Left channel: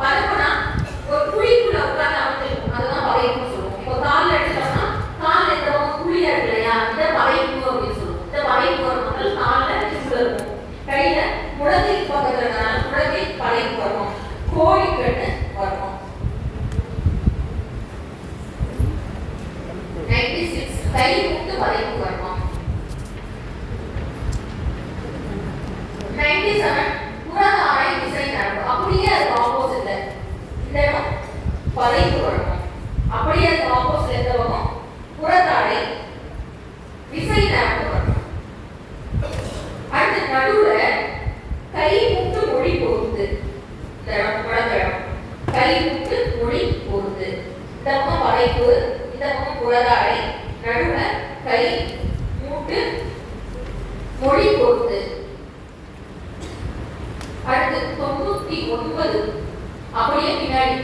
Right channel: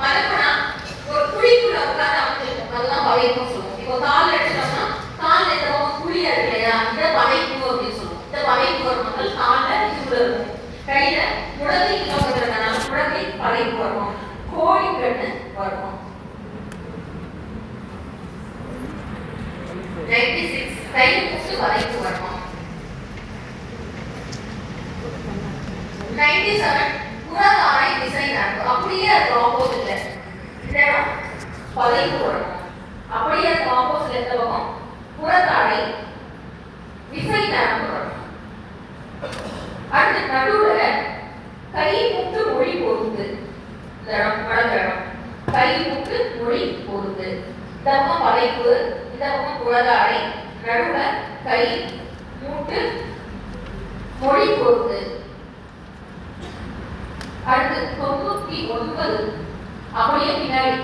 பதைப்புனா ஒரு குழிக்குள்ள உட்கார்ந்து அமைச்சிருக்கும், அதுதான் பதைப்புன்னு சொல்லுவோம். இப்போ கால் எடுத்தோம்னா கால் இந்த பக்கம் குழியா இருக்கு இல்லையா, இதை பதைப்பு அப்படின்னு சொல்லுவோம். இந்த பதைப்பு வரும் முதல் காலில் இதுக்குள்ள இருக்கும். கையில முழங்கை பக்கத்துலனால முழங்கை பதைப்பு வரும். கோழிக்கண்ணு வரும். 96 கை முத்து பதைப்பு வரும். 97 புறத ஆடை விசை நரம்பு, அப்படியே அதுக்கு ஆப்போசிட்ல இந்த இடம் பதைப்பு வரும். அப்படியே அதுக்கு ஆப்போசிட்ல எந்த பக்கம் புறத ஆடை விசை நரம்பு வரும். அடுத்து நடுவுல கை முத்து மொழி பொறுத்து இந்த இடம் வலது இடம் கை முத்து மொழி பொறுத்து, இந்த பக்கம் பதைப்பு, இந்த பக்கம் புறத ஆடை, நடுவுல கை மூட்டு மொழி பொறுத்து. அடுத்து 99 அப்படியே பின்னாடி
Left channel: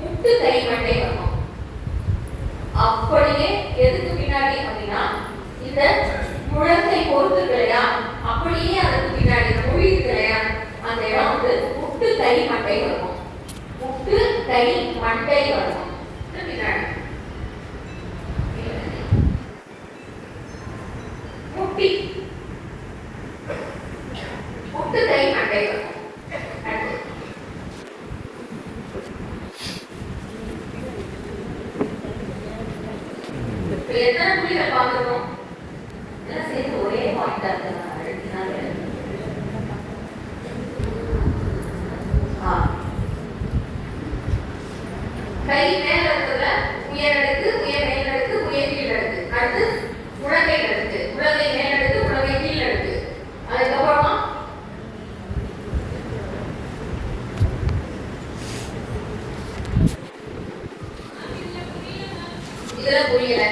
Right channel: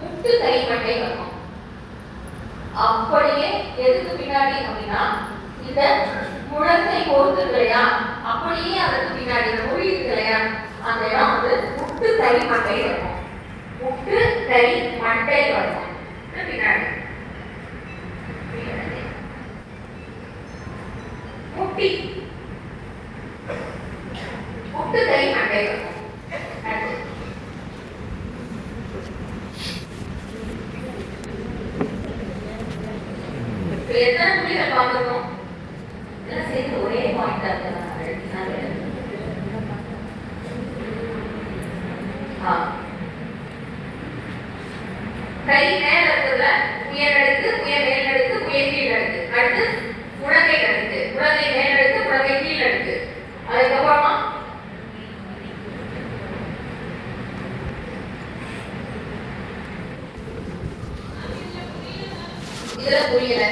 முட்டு கை மட்டை வரணும். அப்படியே எதுக்கு பின்னாடி அப்படின்னா இந்த முழங்கை பொறுத்து இல்லையா, அப்படியே அதுக்கு பின்னாடி இந்த மொழி இருக்கு இல்லையா, அந்த இடம் வந்து முட்டு கை மட்டை வரணும். முட்டு கை மட்டை வரணும் பின்னாடி. முட்டி முட்டு கை மட்டை வரணும். எத்தனை புள்ளிகள் பார்க்கணும்? எல்லாம் சேர்ந்து ஒரே பாயிண்டா இருக்கு. கை மேல இருக்குல்ல, உயர் அடுக்கு, உயர் மேல் அடுக்கு, உயர் கீழ் அடுக்கு. அடுத்து முழங்கை அடுக்கு, முழங்கை மேல் அடுக்கு, முழங்கை கீழ் அடுக்கு. அதுக்கப்புறமா இதுல புரியல.